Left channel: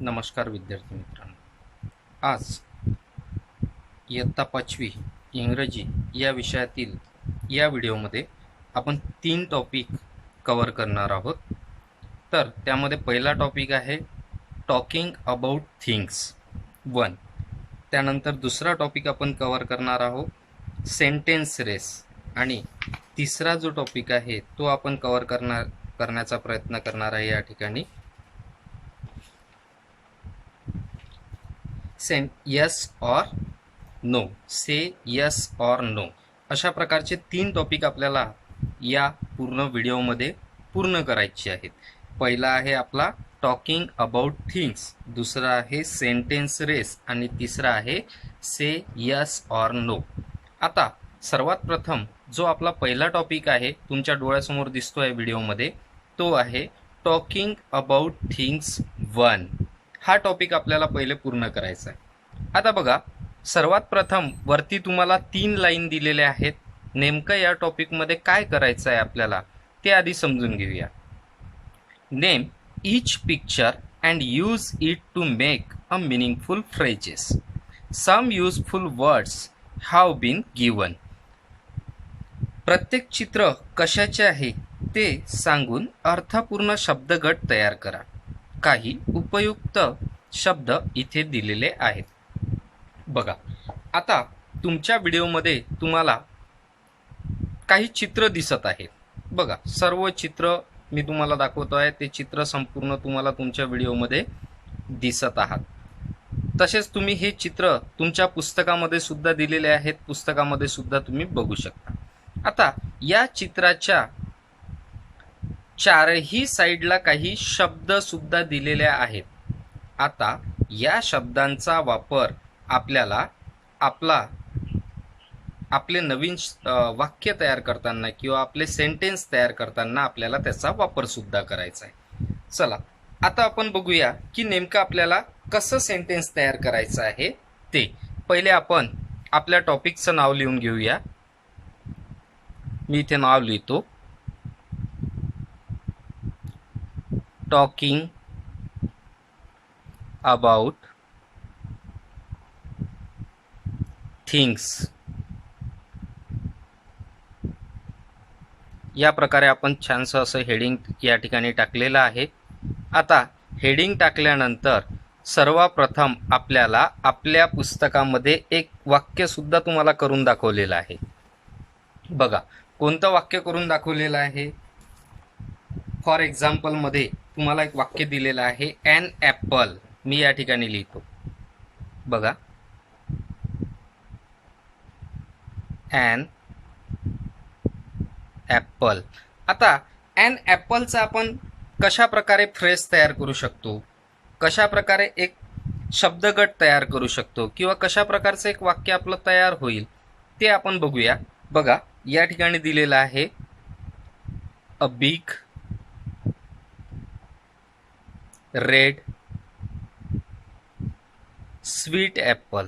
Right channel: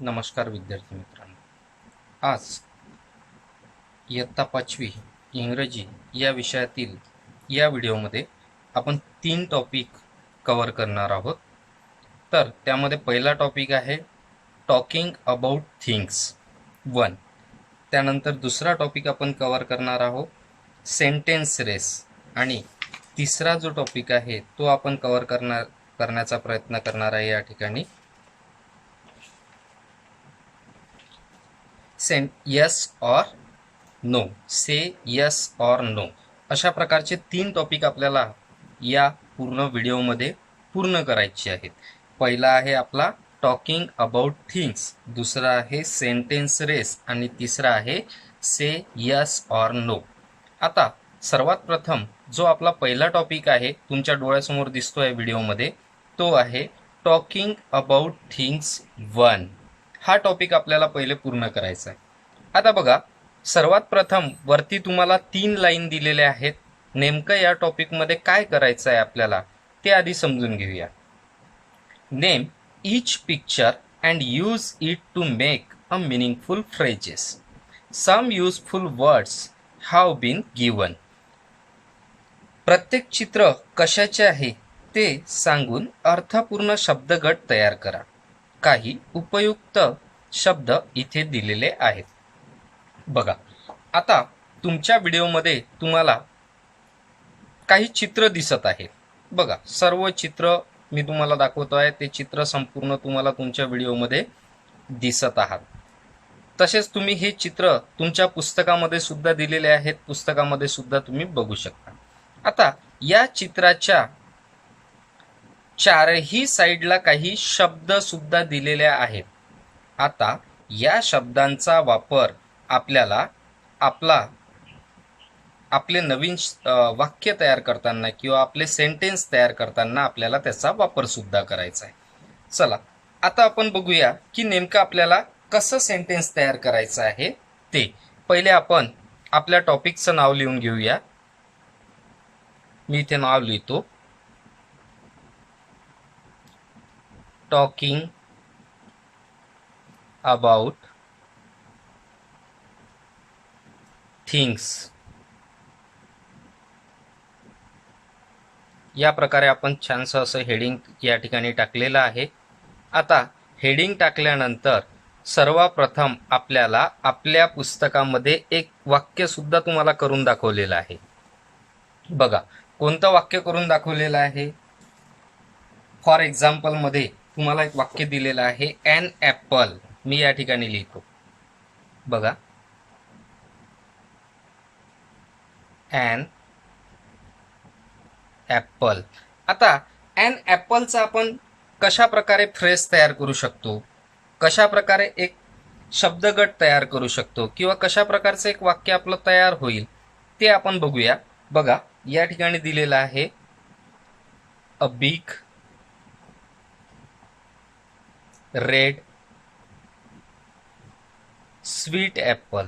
नमस्कार विद्यार्थी मित्रांनो. आज इयत्ता 5वी इंग्रजी या विषयातील या व्हिडिओमध्ये आपण 3 टॉपिक कव्हर करणार आहोत. तर त्यामध्ये पहिला टॉपिक आहे टॉकिंग अबाउट थिंग्स 1. त्यानंतर दुसरा टॉपिक आपण कव्हर करणार आहोत सेंटेन्स रेस, आणि तिसरा जो टॉपिक आहे तो आपण कव्हर करण्याचा प्रयत्न करणार आहे या ठिकाणी यस और नो, से यस और नो. अशा प्रकारचे 3 टॉपिक आपल्याला या पूर्ण व्हिडिओमध्ये पूर्ण करायचे आहेत. पहिला आहे आपला टॉकिंग अबाउट थिंग्स, दुसरा आहे सेंटेन्स रेस आणि तिसरा आहे से यस और नो. आता सर्वात प्रथम जो आपला पहिला टॉपिक आहे तुमच्या डोळ्यासमोर दिसतोय व्हिडिओमध्ये, तो आहे टॉकिंग अबाउट थिंग्स 1. हा टॉपिक आपल्याला पहिले पूर्ण करायचा आहे. आता बघा, सर्वात प्रथम वरती तुम्हाला 3 लाईन दिलेल्या आहेत. नेमकं या टॉपिकमध्ये काय करायचं आहे आपल्याला ते आधी समजून घेऊया. Name each picture and use it to make a meaningful phrases. Some useful words have been given. प्रत्येक चित्र कशाचे आहे ते सांगून अर्थपूर्ण शब्दगट तयार करा. काही उपयुक्त शब्द इथे दिलेले आहेत. बघा, आता तुमच्या व्हिडिओमध्ये तुम्हाला काही चित्र दिसत आहेत. बघा, सर्व चित्र मी तुम्हाला दाखवतो आहे, ते चित्र संपूर्ण तुम्हाला तुमच्या व्हिडिओमध्ये दिसत आहात. तसेच तुम्ही हे चित्र तुमच्या पुस्तकामध्ये सुद्धा दिलेले आहेत, पुस्तकामध्ये सुद्धा तुम्ही बघू शकता. आता या चित्राच्या चारही साईडला काही शब्द सुद्धा दिलेले आहेत. आता या शब्दांचा वापर आपल्याला आपले नवीन वाक्य तयार करताना किंवा आपले सेंटेन्स तयार करताना आपल्याला त्याचा वापर सुद्धा करायचा आहे. चला, आता आपण बघूया की नेमकं आपल्याला कसं सेंटेन्स तयार करायचं आहे ते. पहिले आपण आपल्या टॉपिकचं नाव लिहून घेऊया. मी इथे नाव लिहितो, टॉकिंग अबाउट थिंग्स. या प्रकारे आपण छानसं असं हेडिंग या ठिकाणी टाकलेलं आहे. आता हेडिंग टाकल्यानंतर सर्वप्रथम आपल्याला आपल्या पुस्तकामध्ये एक वाक्य सुद्धा तुम्हाला करून दाखवलेलं आहे. बघा, कोणतं वाक्य करून दाखवलेलं आहे. फॉर एक्झाम्पल मध्ये तुम्हाला एक वाक्य दिलेलं आहे, ॲन ॲपल. मी या ठिकाणी लिहितो, बघा, ॲन ॲपल. आता ॲन ॲपलचा आपण कशा प्रकारे फ्रेज तयार करू शकतो, कशा प्रकारे एक शब्दगट तयार करू शकतो, किंवा कशा प्रकारचं एक वाक्य आपलं तयार होईल ते आपण बघूया. बघा, या ठिकाणी दिलेलं आहे, a big red sweet Apple.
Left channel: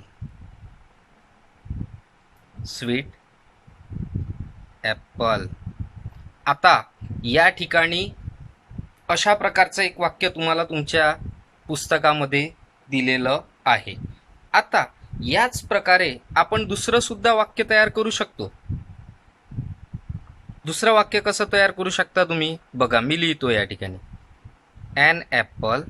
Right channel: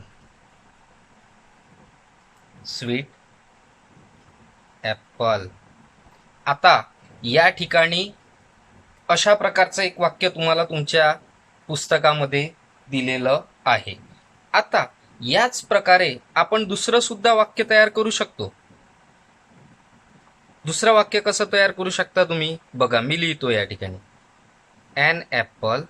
Sweet Apple. आता या ठिकाणी अशा प्रकारचं एक वाक्य तुम्हाला तुमच्या पुस्तकामध्ये दिलेलं आहे. आता याच प्रकारे आपण दुसरं सुद्धा वाक्य तयार करू शकतो. दुसरं वाक्य कसं तयार करू शकता तुम्ही? बघा, मी लिहितो या ठिकाणी, an apple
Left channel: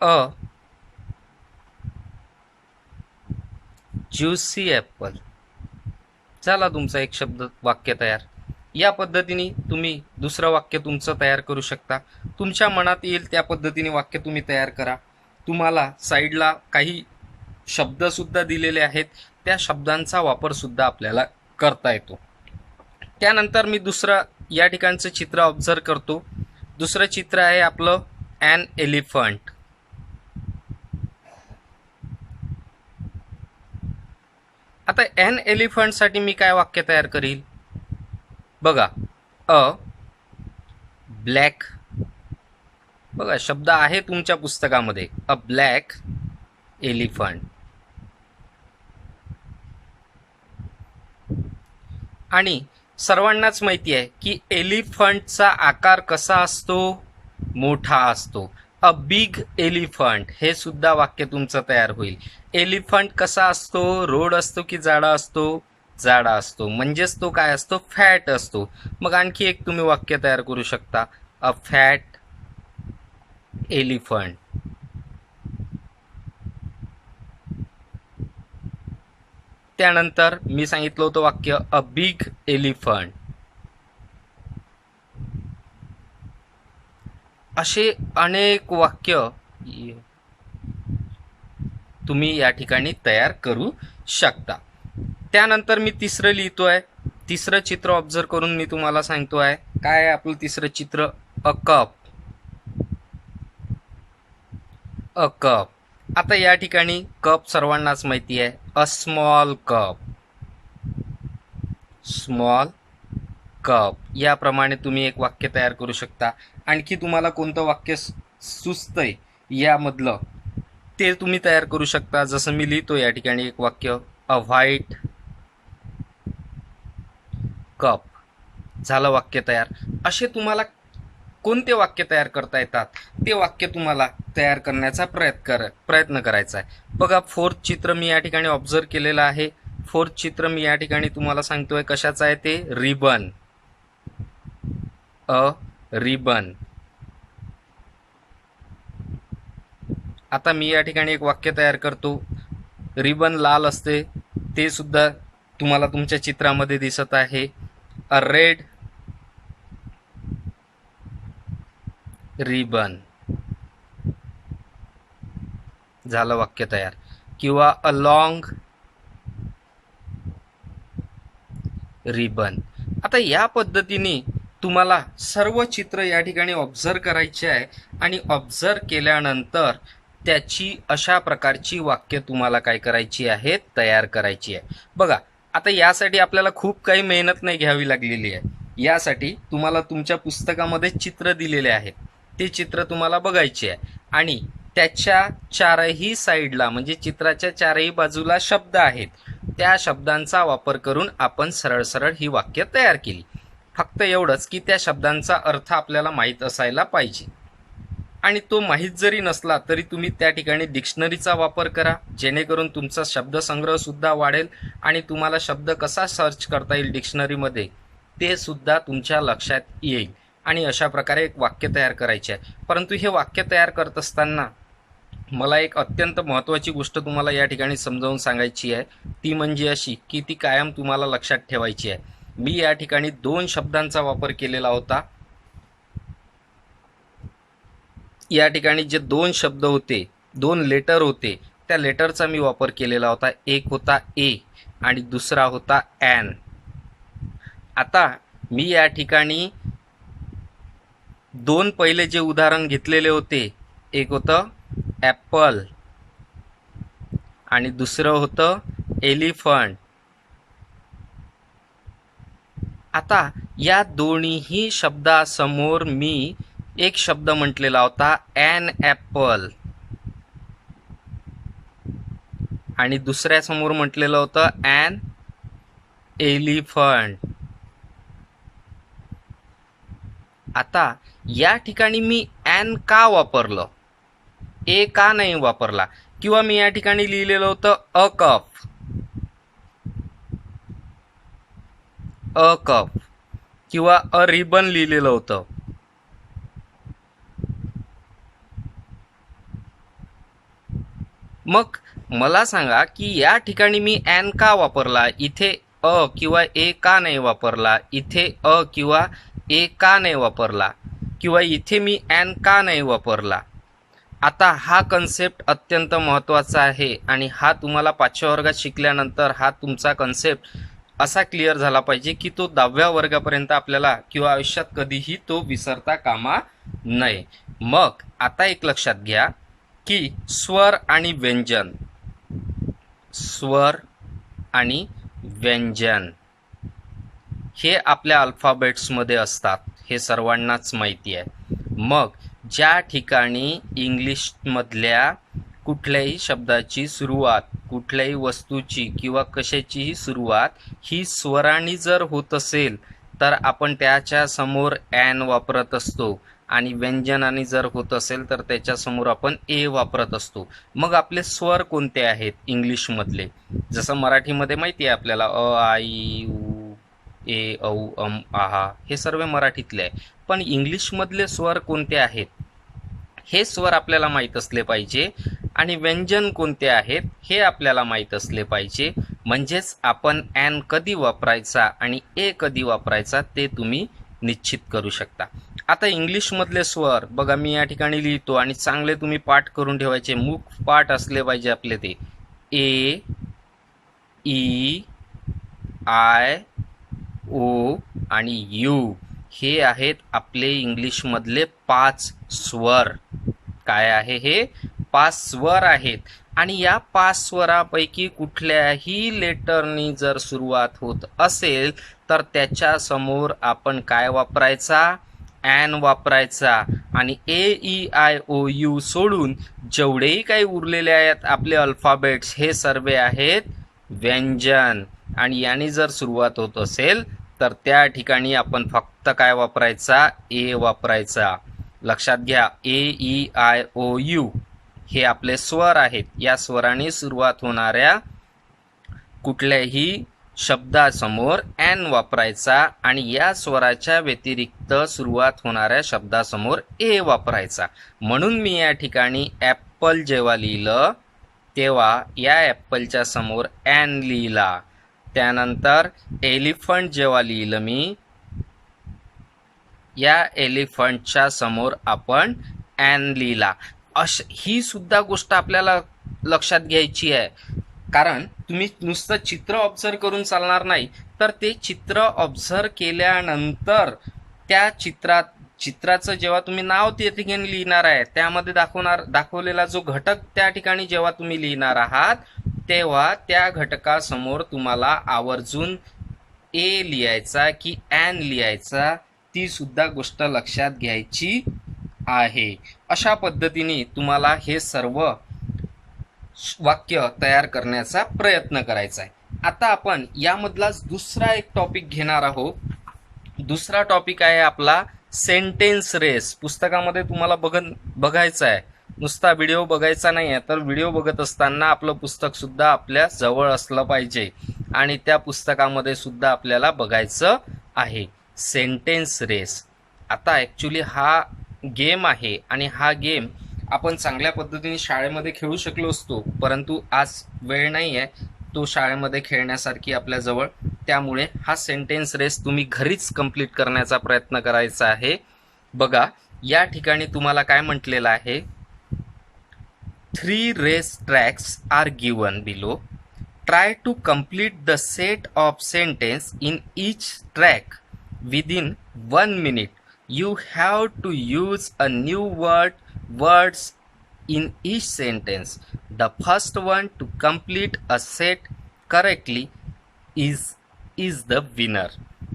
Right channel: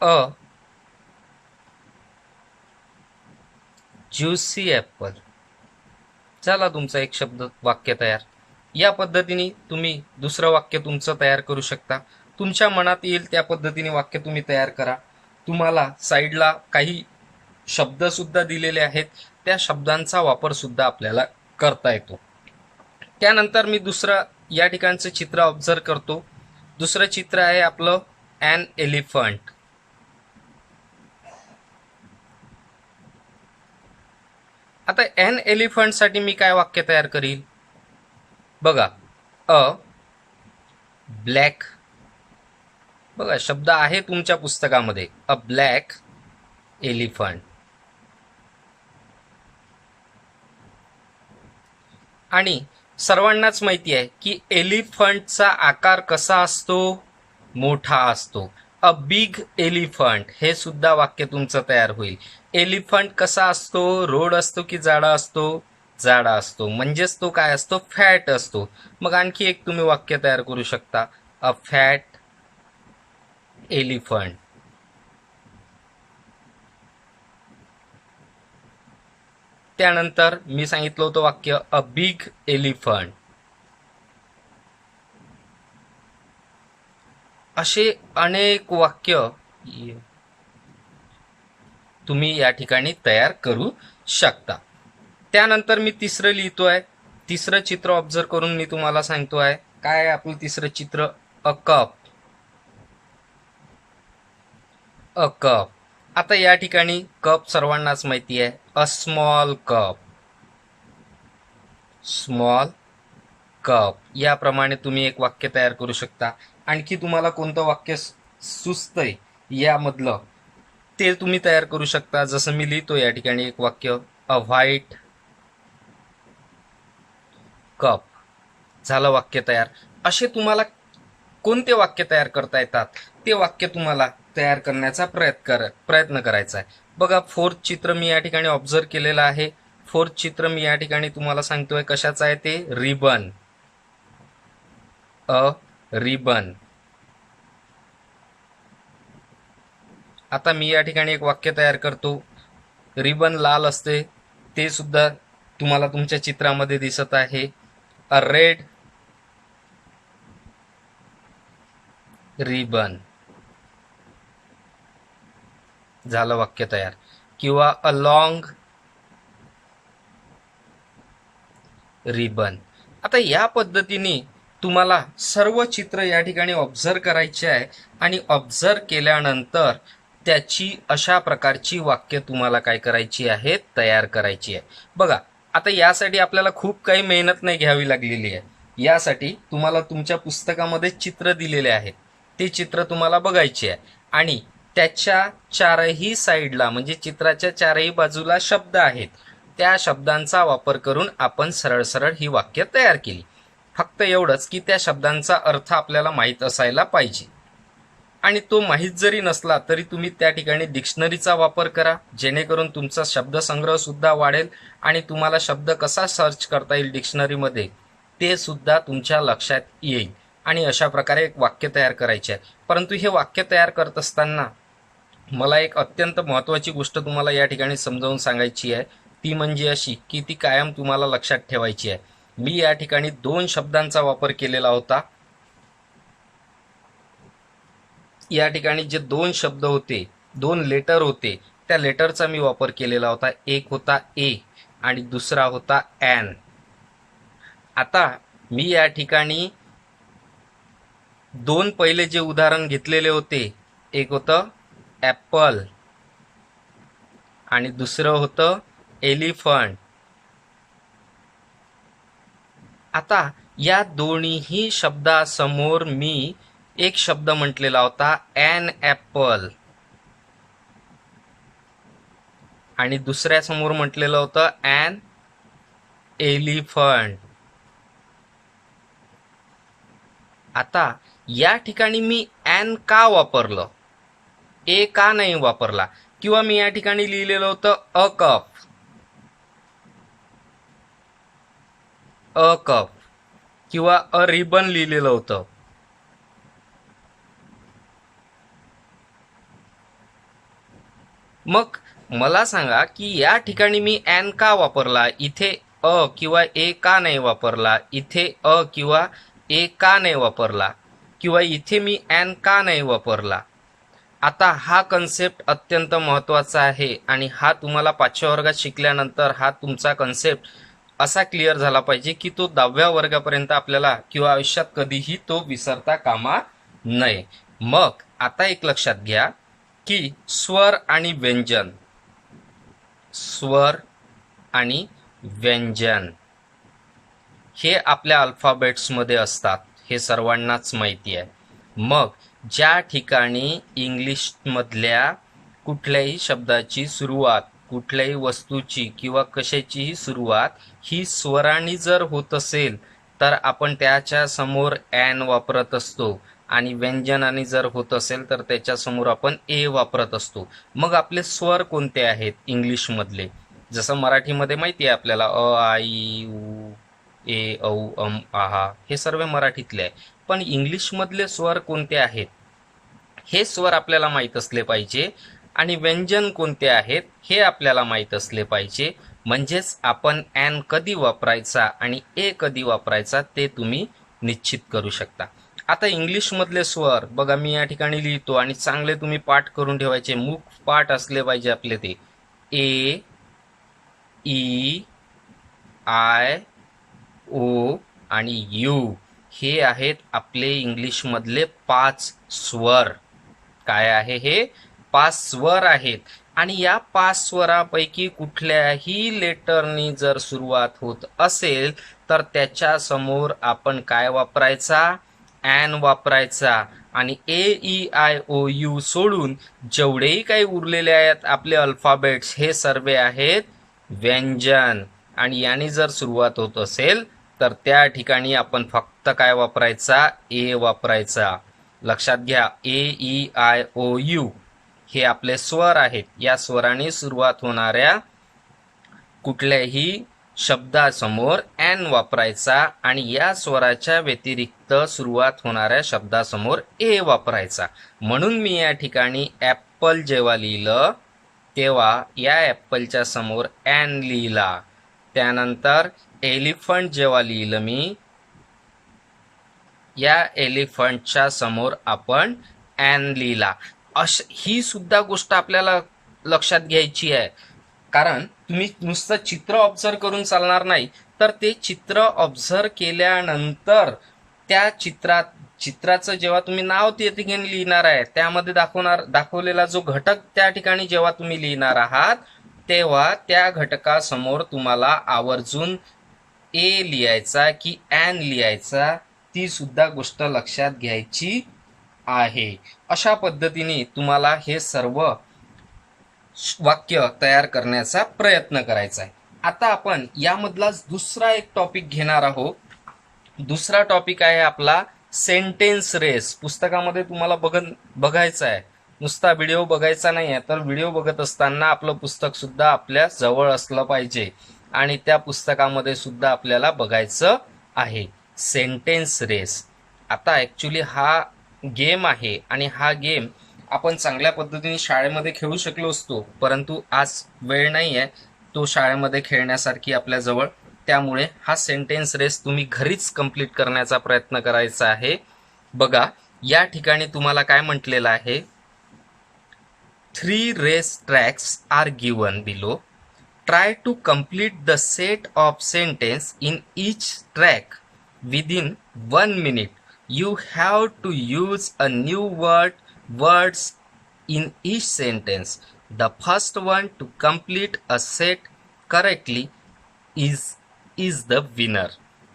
a juicy apple. झाला तुमचा एक शब्द वाक्य तयार. या पद्धतीने तुम्ही दुसरं वाक्य तुमचं तयार करू शकता. तुमच्या मनात येईल त्या पद्धतीने वाक्य तुम्ही तयार करा. तुम्हाला साईडला काही शब्द सुद्धा दिलेले आहेत, त्या शब्दांचा वापर सुद्धा आपल्याला करता येतो. त्यानंतर मी दुसरं या ठिकाणचं चित्र ऑब्झर्व करतो. दुसरं चित्र आहे आपलं ॲन एलिफंट. आता ॲन एलिफंटसाठी मी काय वाक्य तयार करील? बघा, अ ब्लॅक. बघा, शब्द आहे तुमच्या पुस्तकामध्ये, अ ब्लॅक एलिफंट. आणि सर्वांनाच माहिती आहे की एलिफंटचा आकार कसा असतो, मोठा असतो. अ बिग एलिफंट, हे सुद्धा वाक्य तुमचं तयार होईल. एलिफंट कसा असतो, रोड असतो की जाडा असतो, जाडा असतो, म्हणजेच तो काय असतो, फॅट असतो. मग आणखी एक तुम्ही वाक्य तयार करू शकता, अ फॅट एलिफंट. त्यानंतर मी सांगितलं होतं वाक्य अ बिग एलिफंट. असे अनेक वाक्य तुम्ही या ठिकाणी तयार करू शकता. त्यानंतर मी तिसरं लिहितोय. तिसरं चित्र ऑब्झर्व करून मी तुम्हाला सांगतोय. काय आहे आपलं तिसरं चित्र, अ कप. A cup. आता या ठिकाणी कप सर्वांनाच माहिती आहे, a small cup. Small cup याप्रमाणे तुम्ही एक वाक्य तयार करू शकता. आणखी तुम्हाला कोणतं वाक्य सुचतंय यामधलं ते तुम्ही तयार करू शकता. जसं मी लिहितो या ठिकाणी एक वाक्य, अ व्हाईट कप. झालं वाक्य तयार. असे तुम्हाला कोणते वाक्य तयार करता येतात ते वाक्य तुम्हाला तयार करण्याचा प्रयत्न करायचा आहे. बघा, फोर्थ चित्र मी या ठिकाणी ऑब्झर्व केलेलं आहे. फोर्थ चित्र मी या ठिकाणी तुम्हाला सांगतोय कशाचं आहे ते, रिबन. A ribbon. आता मी या ठिकाणी एक वाक्य तयार करतो. रिबन लाल असते, ते सुद्धा तुम्हाला तुमच्या चित्रामध्ये दिसत आहे. अ रेड रिबन. झालं वाक्य तयार. किंवा अ लॉंग रिबन. आता या पद्धतीने तुम्हाला सर्व चित्र या ठिकाणी ऑब्झर्व करायचे आहे आणि ऑब्झर्व केल्यानंतर त्याची अशा प्रकारची वाक्य तुम्हाला काय करायची आहे, तयार करायची आहे. बघा, आता यासाठी आपल्याला खूप काही मेहनत नाही घ्यावी लागलेली आहे. यासाठी तुम्हाला तुमच्या पुस्तकामध्ये चित्र दिलेले आहेत, ते चित्र तुम्हाला बघायचे आहे आणि त्याच्या चारही साईडला म्हणजे चित्राच्या चारही बाजूला शब्द आहेत. त्या शब्दांचा वापर करून आपण सरळ सरळ ही वाक्य तयार केली. फक्त एवढंच की त्या शब्दांचा अर्थ आपल्याला माहीत असायला पाहिजे. आणि तो माहीत जरी नसला तरी तुम्ही त्या ठिकाणी डिक्शनरीचा वापर करा, जेणेकरून तुमचा शब्दसंग्रह सुद्धा वाढेल आणि तुम्हाला शब्द कसा सर्च करता येईल डिक्शनरीमध्ये ते सुद्धा तुमच्या लक्षात येईल. आणि अशा प्रकारे एक वाक्य तयार करायचे आहे. परंतु हे वाक्य तयार करत असताना मला एक अत्यंत महत्त्वाची गोष्ट तुम्हाला या ठिकाणी समजावून सांगायची आहे. ती म्हणजे अशी की ती कायम तुम्हाला लक्षात ठेवायची आहे. मी या ठिकाणी 2 शब्दांचा वापर केलेला होता. या ठिकाणी जे 2 शब्द होते, 2 लेटर होते, त्या लेटरचा मी वापर केलेला होता. एक होता ए आणि दुसरा होता एन. आता मी या ठिकाणी 2 पहिले जे उदाहरण घेतलेले होते, एक होतं ॲपल आणि दुसरं होतं एलिफंट. आता या दोन्हीही शब्दासमोर मी एक शब्द म्हटलेला होता ॲन ॲपल आणि दुसऱ्या समोर म्हटलेलं होतं ॲन एलिफंट. आता या ठिकाणी मी ॲन का वापरलं, ए का नाही वापरला? किंवा मी या ठिकाणी लिहिलेलं होतं अ कप, अ कप किंवा अ रिबन लिहिलेलं होतं. मग मला सांगा की या ठिकाणी मी ॲन का वापरला, इथे अ किंवा ए का नाही वापरला, इथे अ किंवा ए का नाही वापरला, किंवा इथे मी ॲन का नाही वापरला? आता हा कन्सेप्ट अत्यंत महत्त्वाचा आहे आणि हा तुम्हाला 5व्या वर्गात शिकल्यानंतर हा तुमचा कन्सेप्ट असा क्लिअर झाला पाहिजे की तो 10व्या वर्गापर्यंत आपल्याला किंवा आयुष्यात कधीही तो विसरता कामा नये. मग आता एक लक्षात घ्या की स्वर आणि व्यंजन, स्वर आणि व्यंजन हे आपल्या अल्फाबेट्समध्ये असतात, हे सर्वांनाच माहिती आहे. मग ज्या ठिकाणी इंग्लिशमधल्या कुठल्याही शब्दाची सुरुवात कुठल्याही वस्तूची किंवा कशाचीही सुरुवात ही स्वराने जर होत असेल तर आपण त्याच्या समोर ॲन वापरत असतो आणि व्यंजनाने जर होत असेल तर त्याच्या समोर आपण ए वापरत असतो. मग आपले स्वर कोणते आहेत इंग्लिशमधले? जसं मराठीमध्ये माहिती आहे आपल्याला अ, आ, इ, उ, ए, औ, आहा हे सर्व मराठीतले आहे. पण इंग्लिशमधले स्वर कोणते आहेत हे स्वर आपल्याला माहीत असले पाहिजे आणि व्यंजन कोणते आहेत हे आपल्याला माहीत असले पाहिजे. म्हणजेच आपण ॲन कधी वापरायचा आणि ए कधी वापरायचा ते तुम्ही निश्चित करू शकता. आता इंग्लिशमधले स्वर बघा, मी या ठिकाणी लिहितो आणि चांगले तुम्ही पाठ करून ठेवायचे, मुख पाठ असले पाहिजे आपले ते. ए, ई, आय, ओ आणि यू हे आहेत आपले इंग्लिशमधले 5 स्वर. काय आहे हे? 5 स्वर आहेत. आणि या 5 स्वरापैकी कुठल्याही लेटरनी जर सुरुवात होत असेल तर त्याच्या समोर आपण काय वापरायचा? ॲन वापरायचा. आणि ए, ई, आय, ओ, यू सोडून जेवढेही काही उरलेले आहेत आपले अल्फाबेट्स हे सर्व आहेत व्यंजन. आणि याने जर सुरुवात होत असेल तर त्या ठिकाणी आपण फक्त काय वापरायचा? ए वापरायचा. लक्षात घ्या, ए, ई, आय, ओ, यू हे आपले स्वर आहेत. या स्वराने सुरुवात होणाऱ्या कुठल्याही शब्दासमोर ॲन वापरायचा आणि या स्वराच्या व्यतिरिक्त सुरुवात होणाऱ्या शब्दासमोर ए वापरायचा. म्हणून मी या ठिकाणी ॲपल जेव्हा लिहिलं तेव्हा या ॲपलच्या समोर ॲन लिहिला. त्यानंतर एलिफंट जेव्हा लिहिलं मी, या एलिफंटच्या समोर आपण ॲन लिहिला. ही सुद्धा गोष्ट आपल्याला लक्षात घ्यायची आहे, कारण तुम्ही नुसतं चित्र ऑब्झर्व करून चालणार नाही, तर ते चित्र ऑब्झर्व केल्यानंतर त्या चित्राचं जेव्हा तुम्ही नाव त्या ठिकाणी लिहिणार आहे त्यामध्ये दाखवलेला जो घटक त्या ठिकाणी जेव्हा तुम्ही लिहिणार आहात तेव्हा त्या घटकासमोर तुम्हाला आवर्जून ए लिहायचा की ॲन लिहायचा, ती सुद्धा गोष्ट लक्षात घ्यायची आहे. अशा पद्धतीने तुम्हाला हे सर्व वाक्य तयार करण्याचा प्रयत्न करायचा आहे. आता आपण यामधलाच दुसरा एक टॉपिक घेणार आहोत. दुसरा टॉपिक आहे आपला सेंटेन्स रेस. पुस्तकामध्ये तुम्हाला बघायचं आहे, नुसता व्हिडिओ बघायचा नाही आहे. तर व्हिडिओ बघत असताना आपलं पुस्तक सुद्धा आपल्या जवळ असलं पाहिजे आणि त्या पुस्तकामध्ये सुद्धा आपल्याला बघायचं आहे सेंटेन्स रेस. आता ॲक्च्युली हा गेम आहे आणि हा गेम आपण चांगल्या पद्धतीने शाळेमध्ये खेळू शकलो असतो, परंतु आज वेळ नाही आहे तो शाळेमध्ये खेळण्यासारखी आपल्याजवळ. त्यामुळे हा सेंटेन्स रेस तुम्ही घरीच कंप्लीट करण्याचा प्रयत्न करायचा आहे. बघा, या ठिकाणी तुम्हाला काय म्हटलेलं आहे? 3 race tracks are given below. Try to complete the set of sentence in each track within 1 minute. You have to use a new words in each sentence. The first one to complete a set correctly is the winner.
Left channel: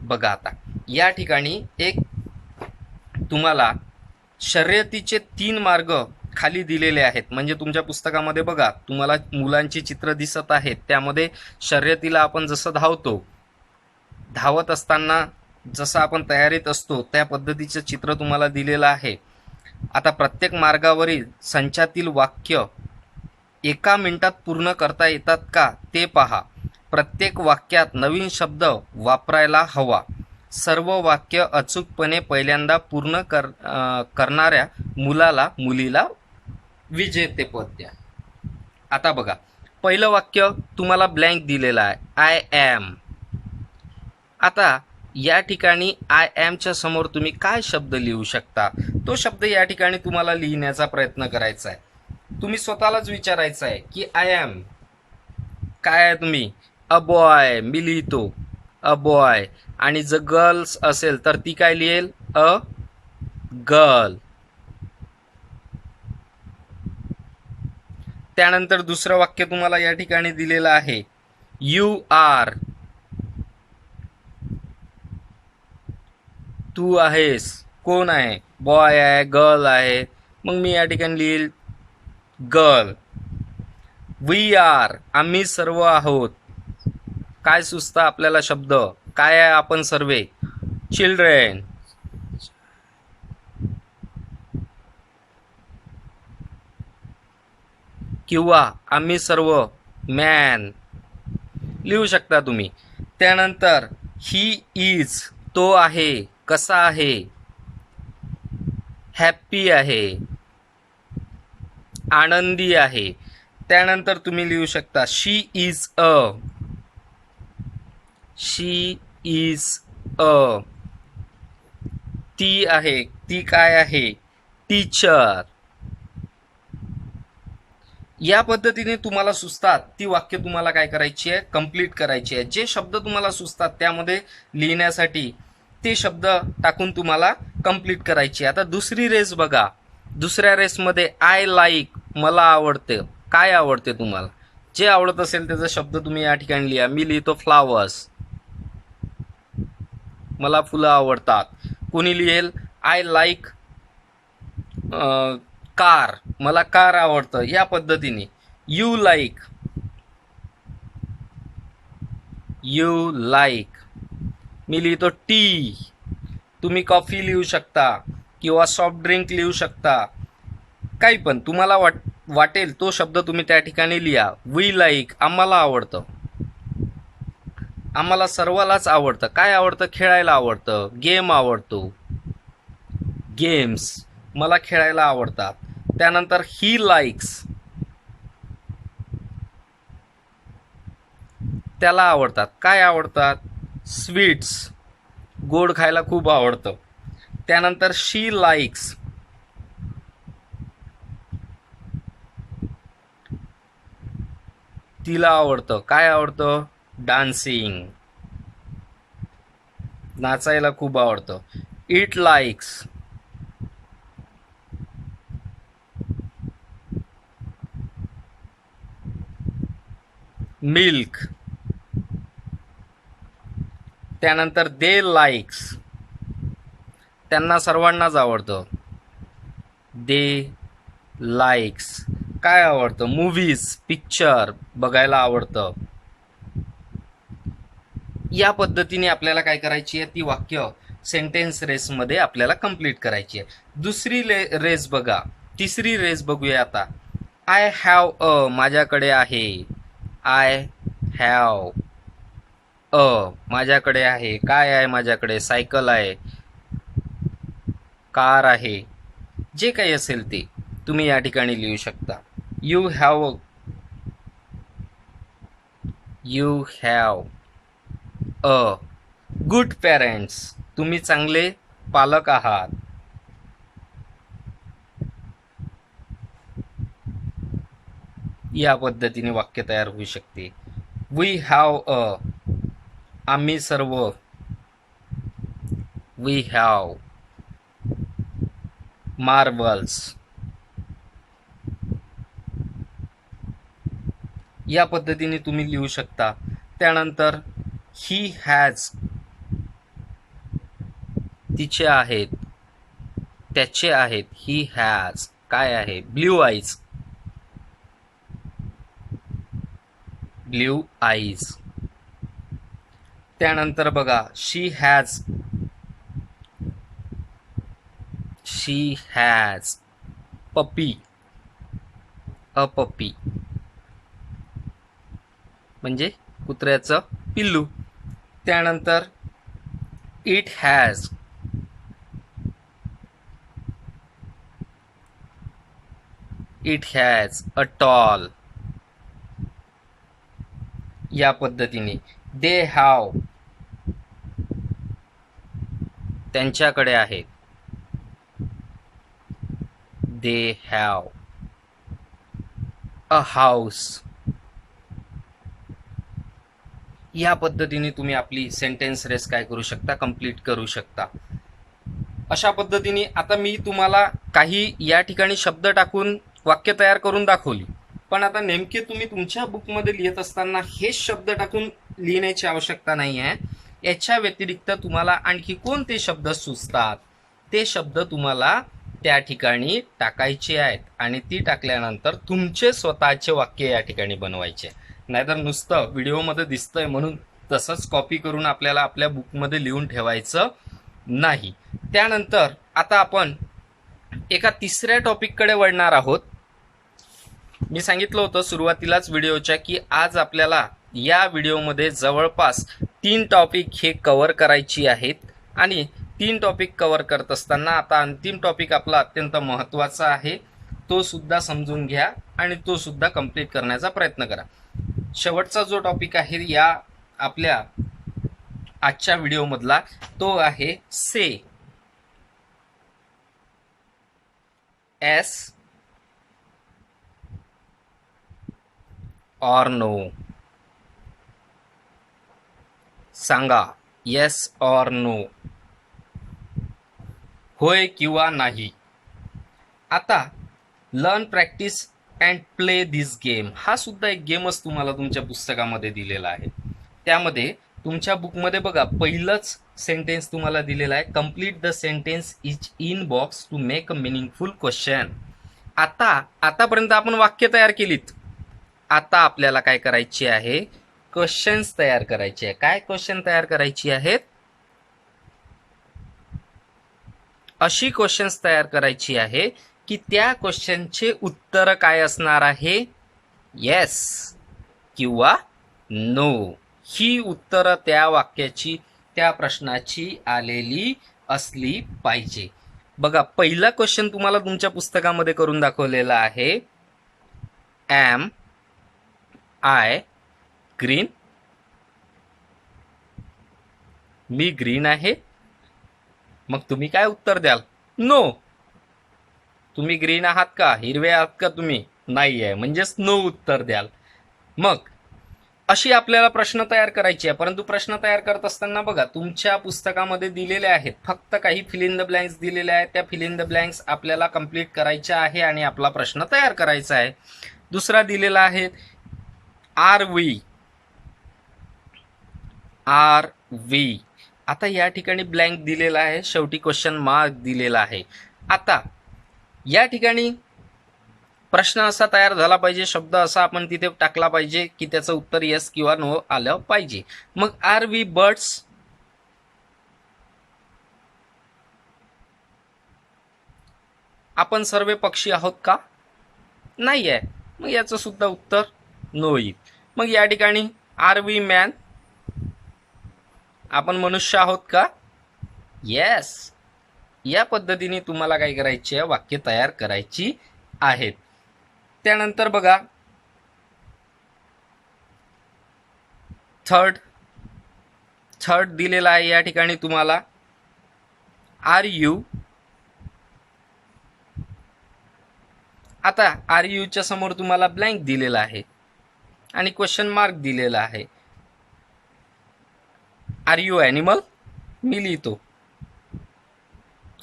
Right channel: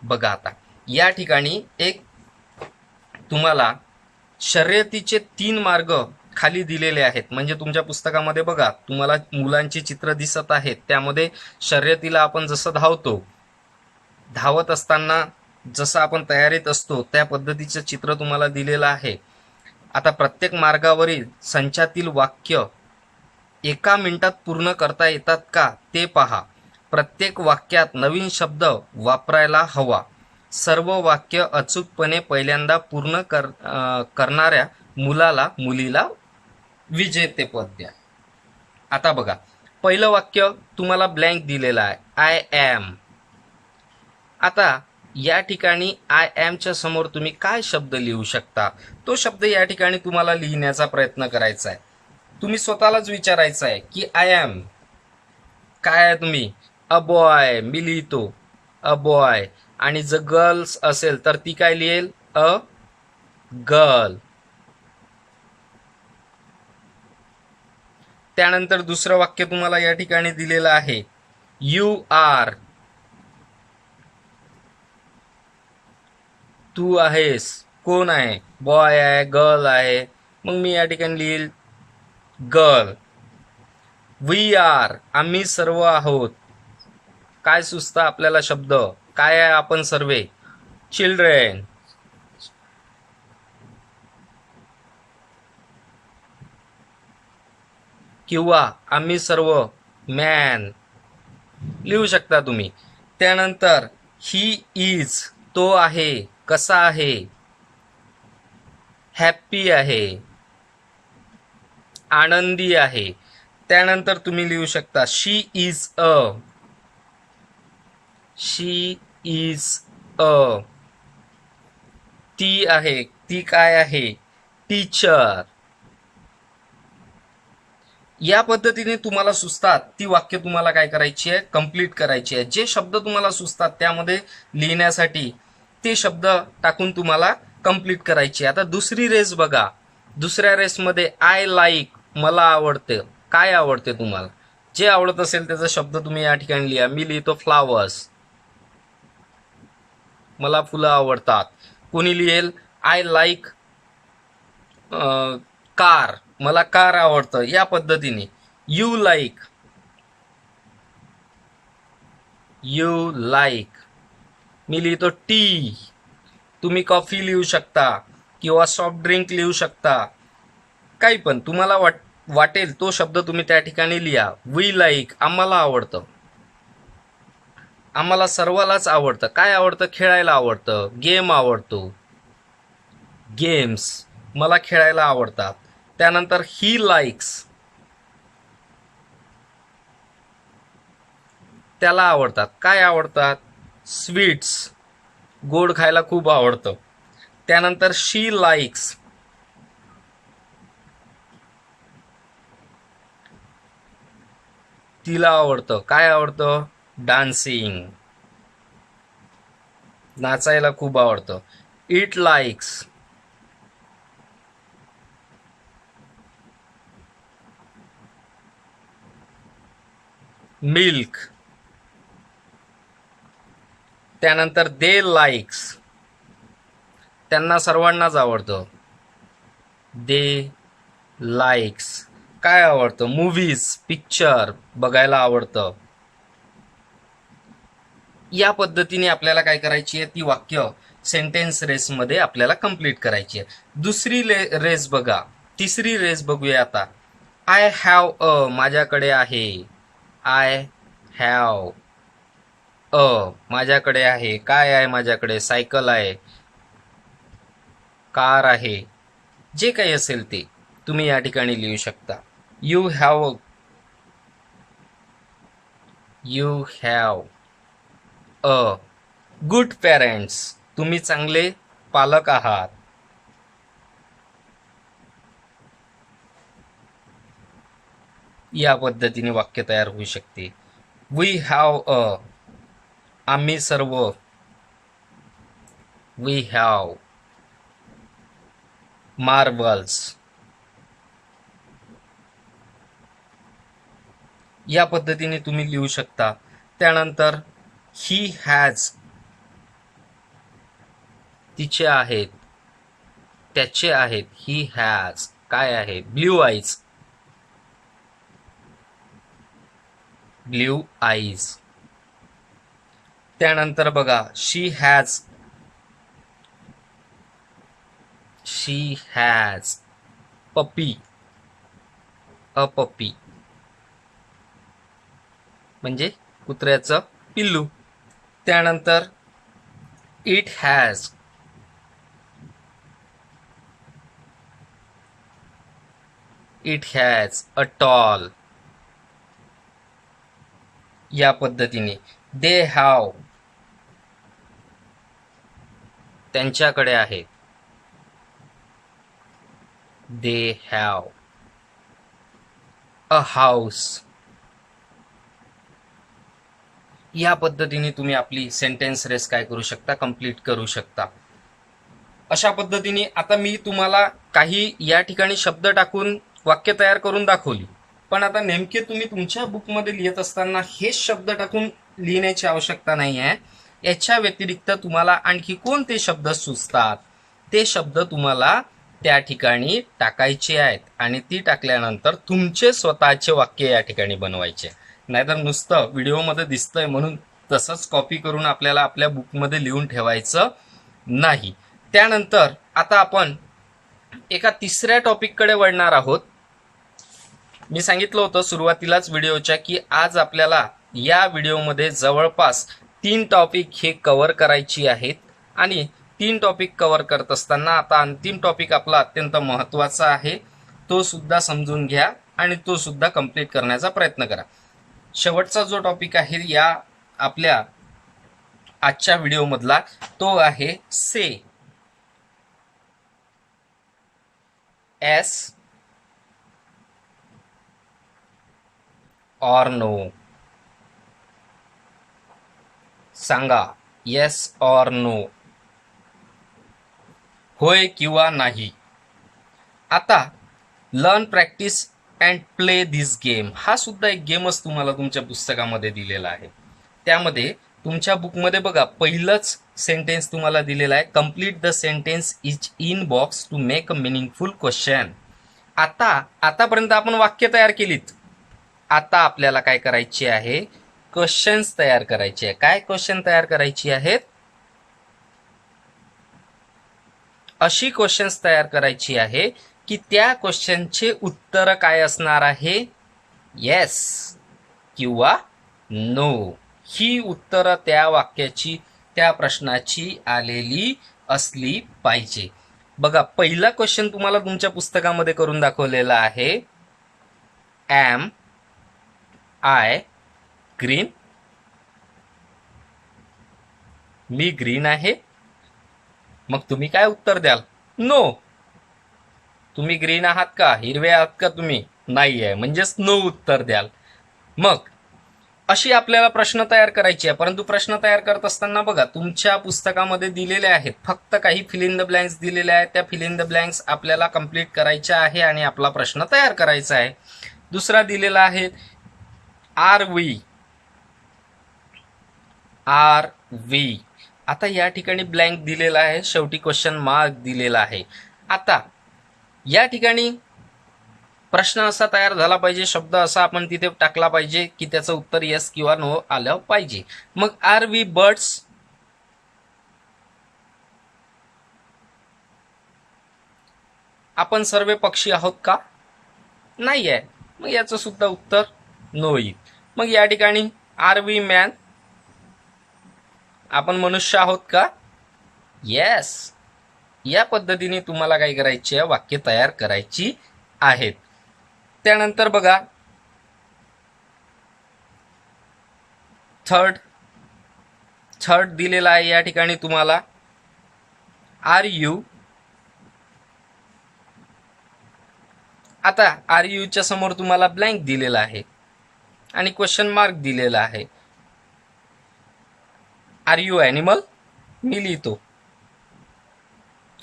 बघा, आता या ठिकाणी एक तुम्हाला शर्यतीचे 3 मार्ग खाली दिलेले आहेत. म्हणजे तुमच्या पुस्तकामध्ये बघा तुम्हाला मुलांची चित्र दिसत आहेत. त्यामध्ये शर्यतीला आपण जसं धावत असताना जसं आपण तयारीत असतो त्या पद्धतीचं चित्र तुम्हाला दिलेलं आहे. आता प्रत्येक मार्गावरील संचातील वाक्य 1 मिनिटात पूर्ण करता येतात का ते पहा. प्रत्येक वाक्यात नवीन शब्द वापरायला हवा. सर्व वाक्य अचूकपणे पहिल्यांदा पूर्ण करणाऱ्या मुलीला विजेतेपद द्या. आता बघा, पहिलं वाक्य तुम्हाला ब्लँक दिलेलं आहे, आय ॲम. आता या ठिकाणी आय ॲमच्या समोर तुम्ही काय शब्द लिहू शकता? तो शब्द या ठिकाणी तुम्हाला लिहिण्याचा प्रयत्न करायचा आहे. तुम्ही स्वतःलाच विचारायचं आहे की आय ॲम काय आहे? तुम्ही अ बॉय, मी लिहितो अ बॉय. आणि जर गर्ल्स असेल तर ती काय लिहेल? A girl. त्यानंतर दुसरं वाक्य तुम्हाला या ठिकाणी दिलेलं आहे, यू आर. तू आहेस. कोण आहे? बॉय आहे, गर्ल आहे. मग मी या ठिकाणी लिहिल गर्ल. वी आर आम्ही सर्व आहोत. काय सुचतं आपल्याला शब्द? काय आहे आपण सर्वे? चिल्ड्रेन. किंवा आम्ही सर्व मॅन लिहू शकता तुम्ही. त्यानंतर ही इज तो आहे. कसा आहे? हॅप्पी आहे, आनंदी आहे. त्यानंतर तुम्ही लिहू शकता शी is a. She is a. ती आहे. ती काय आहे? टीचर. या पद्धतीने तुम्हाला सुचतात ती वाक्य तुम्हाला काय करायची आहे? कंप्लीट करायची आहे. जे शब्द तुम्हाला सुचतात त्यामध्ये लिहिण्यासाठी ते शब्द टाकून तुम्हाला कंप्लीट करायची. आता दुसरी रेस बघा. दुसऱ्या रेसमध्ये आय लाईक मला आवडते. काय आवडते तुम्हाला? जे आवडत असेल त्याचा शब्द तुम्ही या ठिकाणी लिहा. मी लिहितो फ्लावर्स. मला फुलं आवडतात. कोणी लिहेल आय लाईक कार. मला कार आवडतं. या पद्धतीने यू लाईक. You like. मी लिहितो टी. तुम्ही कॉफी लिहू शकता किंवा सॉफ्ट ड्रिंक लिहू शकता. काही पण तुम्हाला वाटेल तो शब्द तुम्ही त्या ठिकाणी लिहा. वी लाईक आम्हाला आवडतं. आम्हाला सर्वालाच आवडतं. काय आवडतं? खेळायला आवडतं. गेम आवडतो. गेम्स मला खेळायला आवडतात. त्यानंतर ही लाईक्स त्याला आवडतात. काय आवडतात? स्वीट्स गोड खायला खूप आवडतं. त्यानंतर शी लाईक्स तिला आवडतं. काय आवडतं? डान्सिंग नाचायला खूप आवडतं. It likes milk. त्यानंतर दे लाईक्स त्यांना सर्वांनाच आवडतं. दे लाईक्स काय आवडतं? मूव्हीज पिक्चर बघायला आवडतं. या पद्धतीने आपल्याला काय करायची आहे? ती वाक्य सेंटेन्स रेसमध्ये आपल्याला कंप्लीट करायची आहे. दुसरी रेस बघा. तिसरी रेस बघूया आता. आय हॅव अ माझ्याकडे आहे. आय हॅव अ माझ्याकडे आहे. काय आहे माझ्याकडे? सायकल आहे, कार आहे. जे काही असेल ते तुम्ही या ठिकाणी लिहू शकता. You have a good parents तुम्ही चांगले पालक आहात. या पद्धतीने वाक्य तयार होऊ शकते. वी हॅव अ आम्ही सर्व. We have marbles. या पद्धतीने तुम्ही लिहू शकता. त्यानंतर ही हॅज तिचे आहेत, त्याचे आहेत. ही हॅज काय आहे? Blue eyes. Blue eyes. त्यानंतर बघा शी हॅज पपी. अ पपी म्हणजे कुत्र्याचं पिल्लू. त्यानंतर इट हॅज अ टॉल. या पद्धतीने दे हॅव त्यांच्याकडे आहे. They have a house. या पद्धतीने तुम्ही आपली सेंटेन्स रेस काय करू शकता? कंप्लीट करू शकता. अशा पद्धतीने आता मी तुम्हाला काही या ठिकाणी शब्द टाकून वाक्य तयार करून दाखवली. पण आता नेमके तुम्ही तुमच्या बुकमध्ये लिहित असताना हेच शब्द टाकून लिहिण्याची आवश्यकता नाही आहे. याच्या व्यतिरिक्त तुम्हाला आणखी कोणते शब्द सुचतात ते शब्द तुम्हाला त्या ठिकाणी टाकायची आहेत आणि ती टाकल्यानंतर तुमचे स्वतःचे वाक्य या ठिकाणी बनवायचे. नाहीतर नुसतं व्हिडिओमध्ये दिसतंय म्हणून तसंच कॉपी करून आपल्याला आपल्या बुकमध्ये लिहून ठेवायचं नाही. त्यानंतर आता आपण एका तिसऱ्या टॉपिककडे वळणार आहोत. मी सांगितलं होतं सुरुवातीलाच व्हिडिओच्या की आज आपल्याला या व्हिडिओमध्ये जवळपास 3 टॉपिक हे कव्हर करायची आहेत आणि 3 टॉपिक कव्हर करत असताना आता अंतिम टॉपिक आपला अत्यंत महत्त्वाचा आहे, तो सुद्धा समजून घ्या आणि तो सुद्धा कंप्लीट करण्याचा प्रयत्न करा. शेवटचा जो टॉपिक आहे या आपल्या आजच्या व्हिडिओमधला तो आहे से. एस और नो. सांगा येस और नो, होय किंवा नाही. आता learn, practice and play this game हा सुद्धा एक गेमच तुम्हाला तुमच्या पुस्तकामध्ये दिलेला आहे. त्यामध्ये तुमच्या बुकमध्ये बघा पहिलंच सेंटेन्स तुम्हाला दिलेला आहे, complete the sentence is in box to make a meaningful question. आतापर्यंत आपण वाक्य तयार केलीत. आता आपल्याला काय करायचे आहे, क्वेश्चन्स तयार करायचे आहे. काय क्वेश्चन तयार करायची आहेत, अशी क्वेश्चन्स तयार करायची आहे की त्या क्वेश्चनचे उत्तर काय असणार आहे, येस किंवा नो. ही उत्तरं त्या वाक्याची त्या प्रश्नाची आलेली असली पाहिजे. बघा पहिला क्वेश्चन तुम्हाला तुमच्या पुस्तकामध्ये करून दाखवलेला आहे, एम आय ग्रीन. मी ग्रीन आहे. मग तुम्ही काय उत्तर द्याल, नो. तुम्ही ग्रीन आहात का, हिरवे आहात का तुम्ही, नाही आहे, म्हणजेच नो उत्तर द्याल. मग अशी आपल्याला प्रश्न तयार करायची आहे. परंतु प्रश्न तयार करत असताना बघा तुमच्या पुस्तकामध्ये दिलेले आहेत, फक्त काही फिल इन द ब्लँक्स दिलेले आहेत. त्या फिल इन द ब्लँक्स आपल्याला कंप्लीट करायच्या आहे आणि आपला प्रश्न तयार करायचा आहे. दुसरा दिलेला आहे आर वी. आता या ठिकाणी ब्लँक दिलेला आहे, शेवटी क्वेश्चन मार्क दिलेला आहे. आता या ठिकाणी प्रश्न असा तयार झाला पाहिजे, शब्द असा आपण तिथे टाकला पाहिजे की त्याचं उत्तर येस किंवा नो आलं पाहिजे. मग आर वी बर्ड्स, आपण सर्व पक्षी आहोत का, नाही आहे, मग याचं सुद्धा उत्तर नो येईल. मग या ठिकाणी आर वी मॅन, आपण मनुष्य आहोत का, येस. या पद्धतीने तुम्हाला काय करायची आहे, वाक्य तयार करायची आहेत. त्यानंतर बघा थर्ड दिलेला आहे या ठिकाणी तुम्हाला, आर यू. आता आर यूच्या समोर तुम्हाला ब्लँक दिलेला आहे आणि क्वेश्चन मार्क दिलेला आहे. आर यू ॲनिमल, मी लिहितो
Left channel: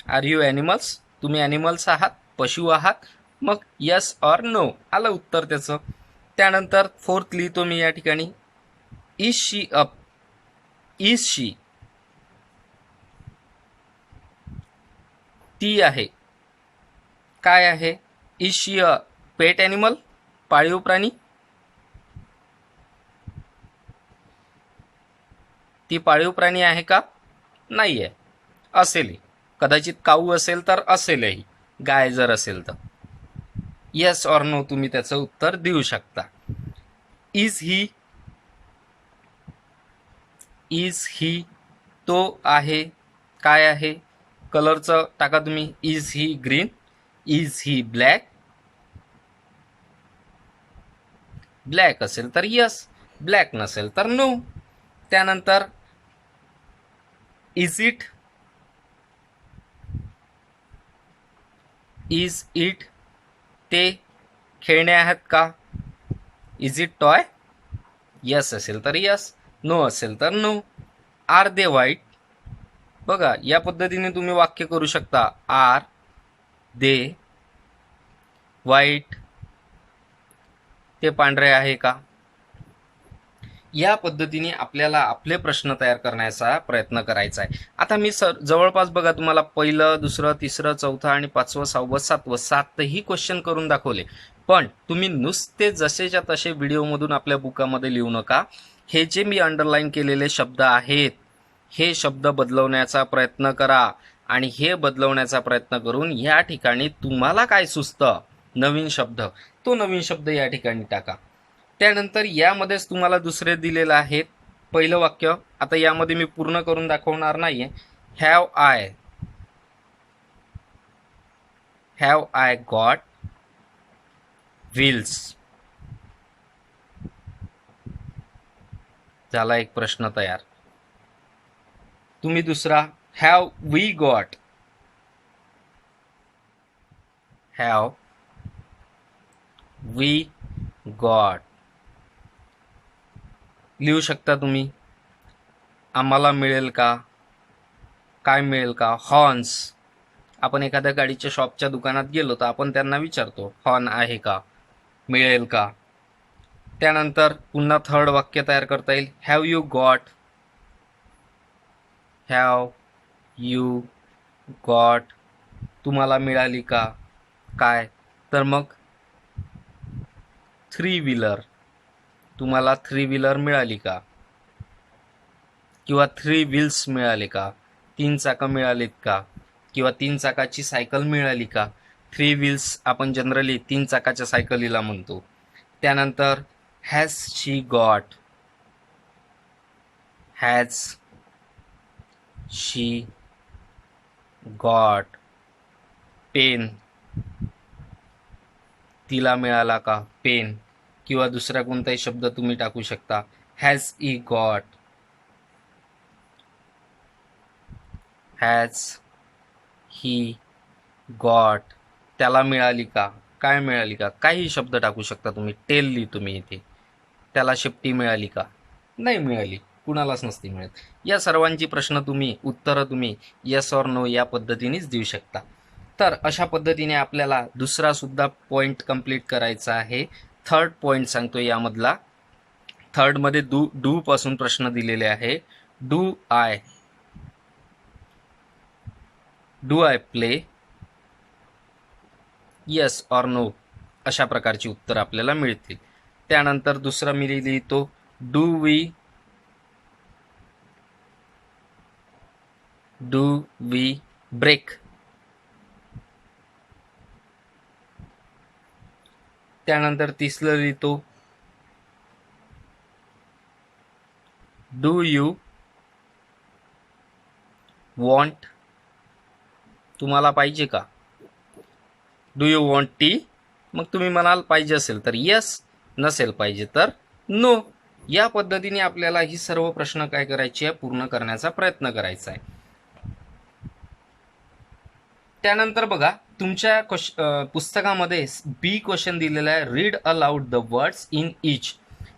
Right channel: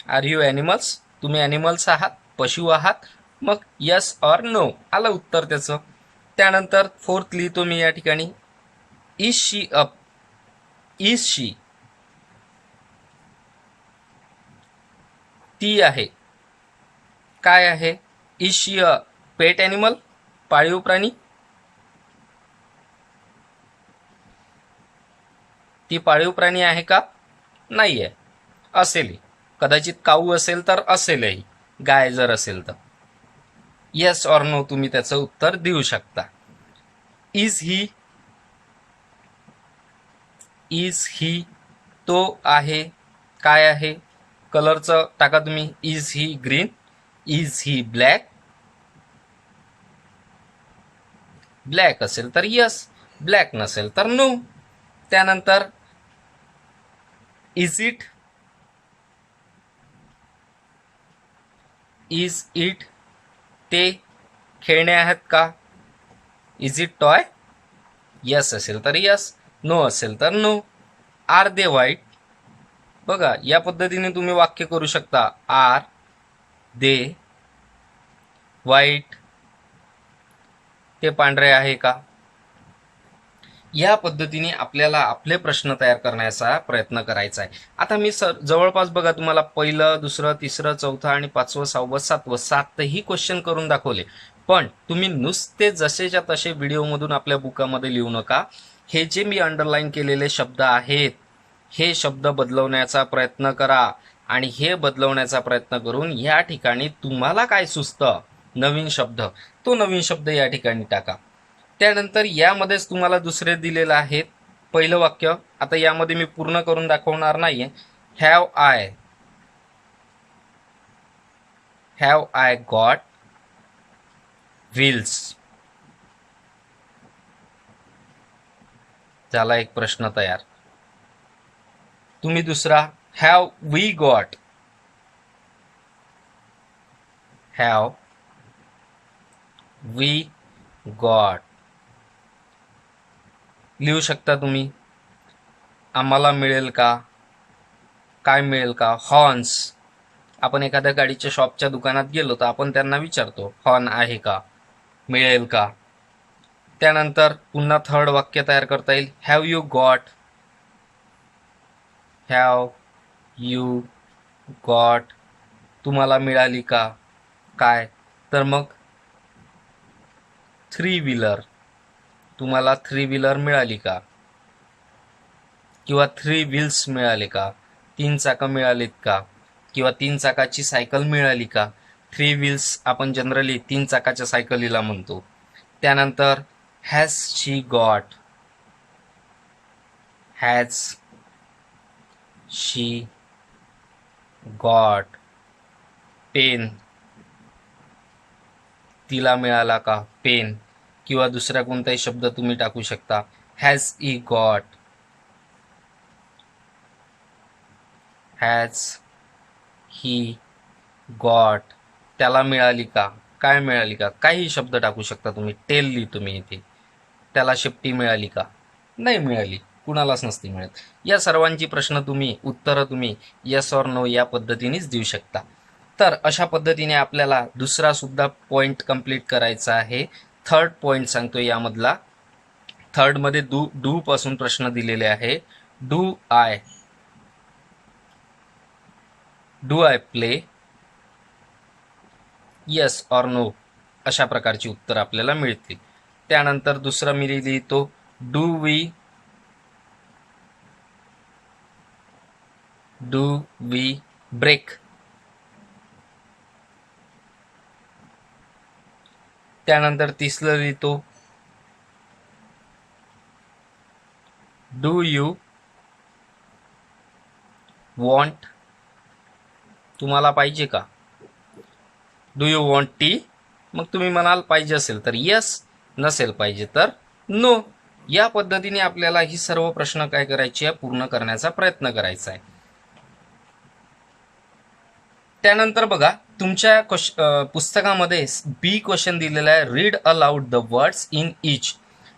आर यू ॲनिमल्स, तुम्ही ॲनिमल्स आहात, पशु आहात. मग यस ऑर नो आलं उत्तर त्याचं. त्यानंतर फोर्थ लिहितो मी या ठिकाणी, इज शी अप. इज शी, ती आहे, काय आहे, is she a pet animal, पाळीव प्राणी. ती पाळीव प्राणी आहे का, नाही आहे, असेल, कदाचित काऊ असेल तर असेलही, गाय जर असेल तर. येस ऑर नो तुम्ही त्याचं उत्तर देऊ शकता. इज ही, तो आहे, काय आहे, कलरचं टाका तुम्ही, is he green, is he black असेल तर यस, ब्लॅक नसेल तर नो. त्यानंतर इज इट, ते खेळणे आहेत का, इज इट टॉय, यस असेल तर यस, नो असेल तर नो. आर दे व्हाईट, बघा या पद्धतीने तुम्ही वाक्य करू शकता, आर दे व्हाईट, ते पांढरे आहे का. या पद्धतीने आपल्याला आपले प्रश्न तयार करण्याचा प्रयत्न करायचा आहे. आता मी जवळपास बघा तुम्हाला पहिलं, दुसरं, तिसरं, चौथं आणि पाचवं, सहावं, सातवं, सातही क्वेश्चन करून दाखवले. पण तुम्ही नुसते जसेच्या तसे व्हिडिओमधून आपल्या बुकामध्ये लिहू नका. हे जे मी अंडरलाईन केलेले शब्द आहेत, हे शब्द बदलवण्याचा प्रयत्न करा आणि हे बदलवण्याचा प्रयत्न करून या ठिकाणी तुम्हाला काय सुचतं नवीन शब्द, तो नवीन शब्द या ठिकाणी टाका. त्यानंतर यामध्येच तुम्हाला दुसरे दिलेलं आहे पहिलं वाक्य. आता यामध्ये मी पूर्ण करून दाखवणार नाहीये. Have I got wheels. झाला एक प्रश्न तयार. तुम्ही दुसरा हॅव वी गॉट लिहू शकता तुम्ही. आम्हाला मिळेल का, काय मिळेल का. हॉर्न्स. आपण एखाद्या गाडीच्या शॉपच्या दुकानात गेलो तर आपण त्यांना विचारतो हॉर्न आहे का, मिळेल का. त्यानंतर पुन्हा थर्ड वाक्य तयार करता येईल. हॅव यू गॉट तुम्हाला मिळाली का, काय, तर मग 3 व्हीलर. तुम्हाला 3 व्हीलर मिळाली का, किंवा 3 व्हील्स मिळाले का, 3 चाकं मिळालीत का, किंवा 3 चाकाची सायकल मिळाली का. 3 व्हील्स आपण जनरली 3 चाकाच्या सायकलीला म्हणतो. त्यानंतर हॅज शी गॉट पेन. तिला मिळाला का पेन, किंवा दुसरा कोणताही शब्द तुम्ही टाकू शकता. हॅज ही गॉट त्याला मिळाली का, काय मिळाली का, काही शब्द टाकू शकता तुम्ही. टेल लिहितो मी इथे. त्याला शेपटी मिळाली का, नाही मिळाली, कुणालाच नसती मिळत. या सर्वांची उत्तरं तुम्ही येस ऑर नो या पद्धतीनेच देऊ शकता. तर अशा पद्धतीने आपल्याला दुसरा सुद्धा पॉइंट कंप्लीट करायचा आहे. थर्ड पॉइंट सांगतो यामधला. थर्डमध्ये डू पासून प्रश्न दिलेले आहे. Do I play, yes or no अशा प्रकारची उत्तर आपल्याला मिळतील. त्यानंतर दुसरा मी लिहितो डू वी ब्रेक. त्यानंतर तिसरं लिहितो डू यू वॉन्ट. तुम्हाला पाहिजे का. Do you want tea. मग तुम्ही म्हणाल पाहिजे असेल तर येस, नसेल पाहिजे तर नो. या पद्धतीने आपल्याला ही सर्व प्रश्न काय करायची आहे, पूर्ण करण्याचा प्रयत्न करायचा आहे. त्यानंतर बघा तुमच्या पुस्तकामध्ये बी क्वेश्चन दिलेला आहे. Read aloud the words in each.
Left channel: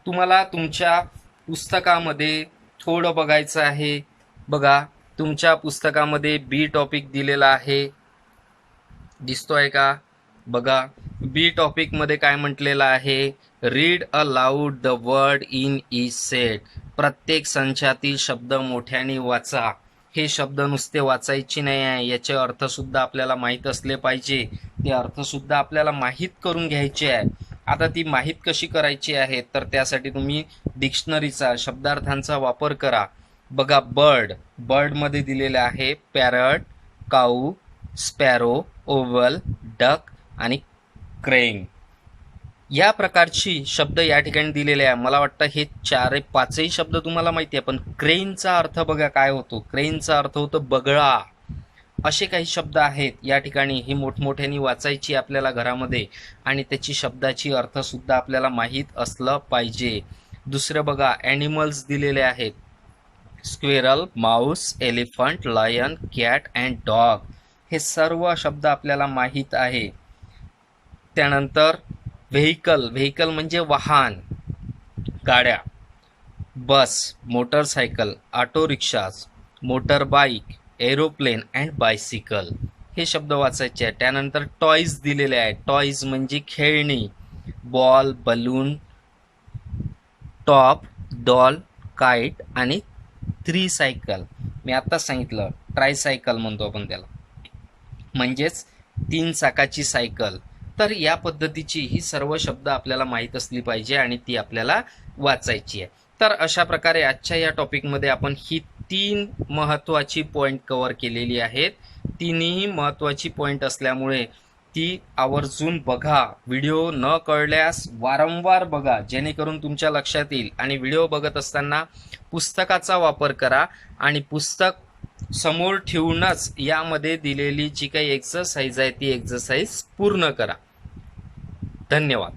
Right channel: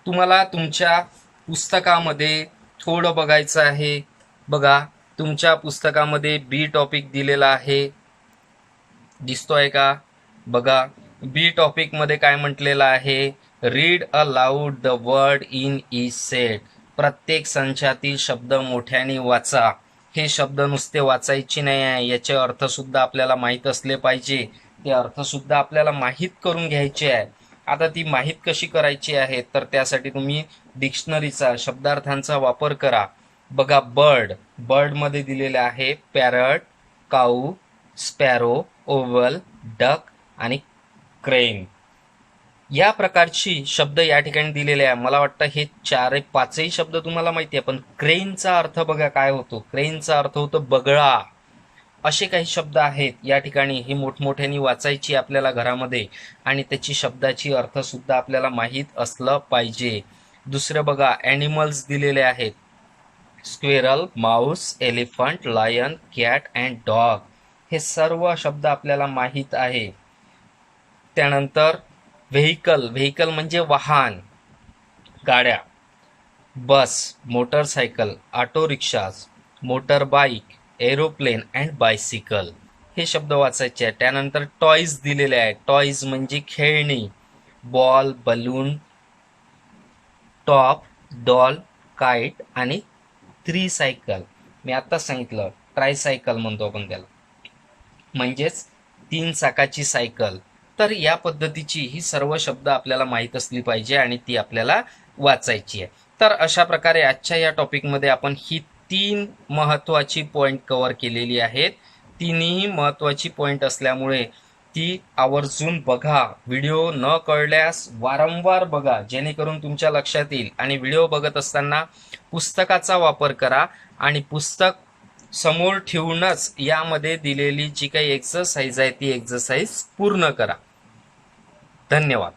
तुम्हाला तुमच्या पुस्तकामध्ये थोडं बघायचं आहे. बघा तुमच्या पुस्तकामध्ये बी टॉपिक दिलेला आहे, दिसतोय का. बघा बी टॉपिक मध्ये काय म्हटलेलं आहे. Read aloud the word in each set. प्रत्येक संचातील शब्द मोठ्याने वाचा. हे शब्द नुसते वाचायचे नाही आहे, याचे अर्थ सुद्धा आपल्याला माहीत असले पाहिजे. ते अर्थ सुद्धा आपल्याला माहीत करून घ्यायचे आहे. आता ती माहीत कशी करायची आहे, तर त्यासाठी तुम्ही डिक्शनरीचा, शब्दार्थांचा वापर करा. बघा बर्ड मध्ये दिलेले आहे पॅरट, काऊ, स्पॅरो, ओव्हल, डक आणि क्रेन. या प्रकारची शब्द या ठिकाणी दिलेले आहे. मला वाटतं हे 4-5ही शब्द तुम्हाला माहिती आहे, पण क्रेनचा अर्थ बघा काय होतो. क्रेनचा अर्थ होतो बगळा. असे काही शब्द आहेत या ठिकाणी. ही मोठमोठ्याने वाचायची आपल्याला घरामध्ये, आणि त्याची शब्दाची अर्थ सुद्धा आपल्याला माहीत असलं पाहिजे. दुसरं बघा ॲनिमल्स दिलेले आहेत. Squirrel, mouse, elephant, lion, cat and dog. हे सर्व शब्द आपल्याला माहीत आहे. त्यानंतर व्हेकल म्हणजे वाहन, गाड्या. Bus, motorcycle, auto rickshaws, motor bike, aeroplane and bicycle. हे शब्द वाचायचे आहे. त्यानंतर टॉईज दिलेले आहे. टॉईज म्हणजे खेळणी. Ball, balloon, top, doll, kite आणि त्रिसायकल. मी आत्ताच सांगितलं ट्रायसायकल म्हणतो आपण त्याला, म्हणजेच 3 चाकाची सायकल. तर या पद्धतीची ही सर्व शब्द आपल्याला माहीत असली पाहिजे आणि ती आपल्याला वाचायची आहे. तर अशा प्रकारे आजच्या या टॉपिकमध्ये आपण ही 3 महत्त्वाची पॉईंट कव्हर केलेली आहेत. तिन्ही महत्त्वाची पॉईंट असल्यामुळे ती आवर्जून बघा. व्हिडिओ न कळल्यास वारंवार बघा, जेणेकरून तुमच्या लक्षात येईल. आणि व्हिडिओ बघत असताना पुस्तकाचा वापर करा आणि पुस्तक समोर ठेवूनच यामध्ये दिलेली जी काही एक्सरसाइज आहे ती एक्सरसाइज पूर्ण करा. धन्यवाद.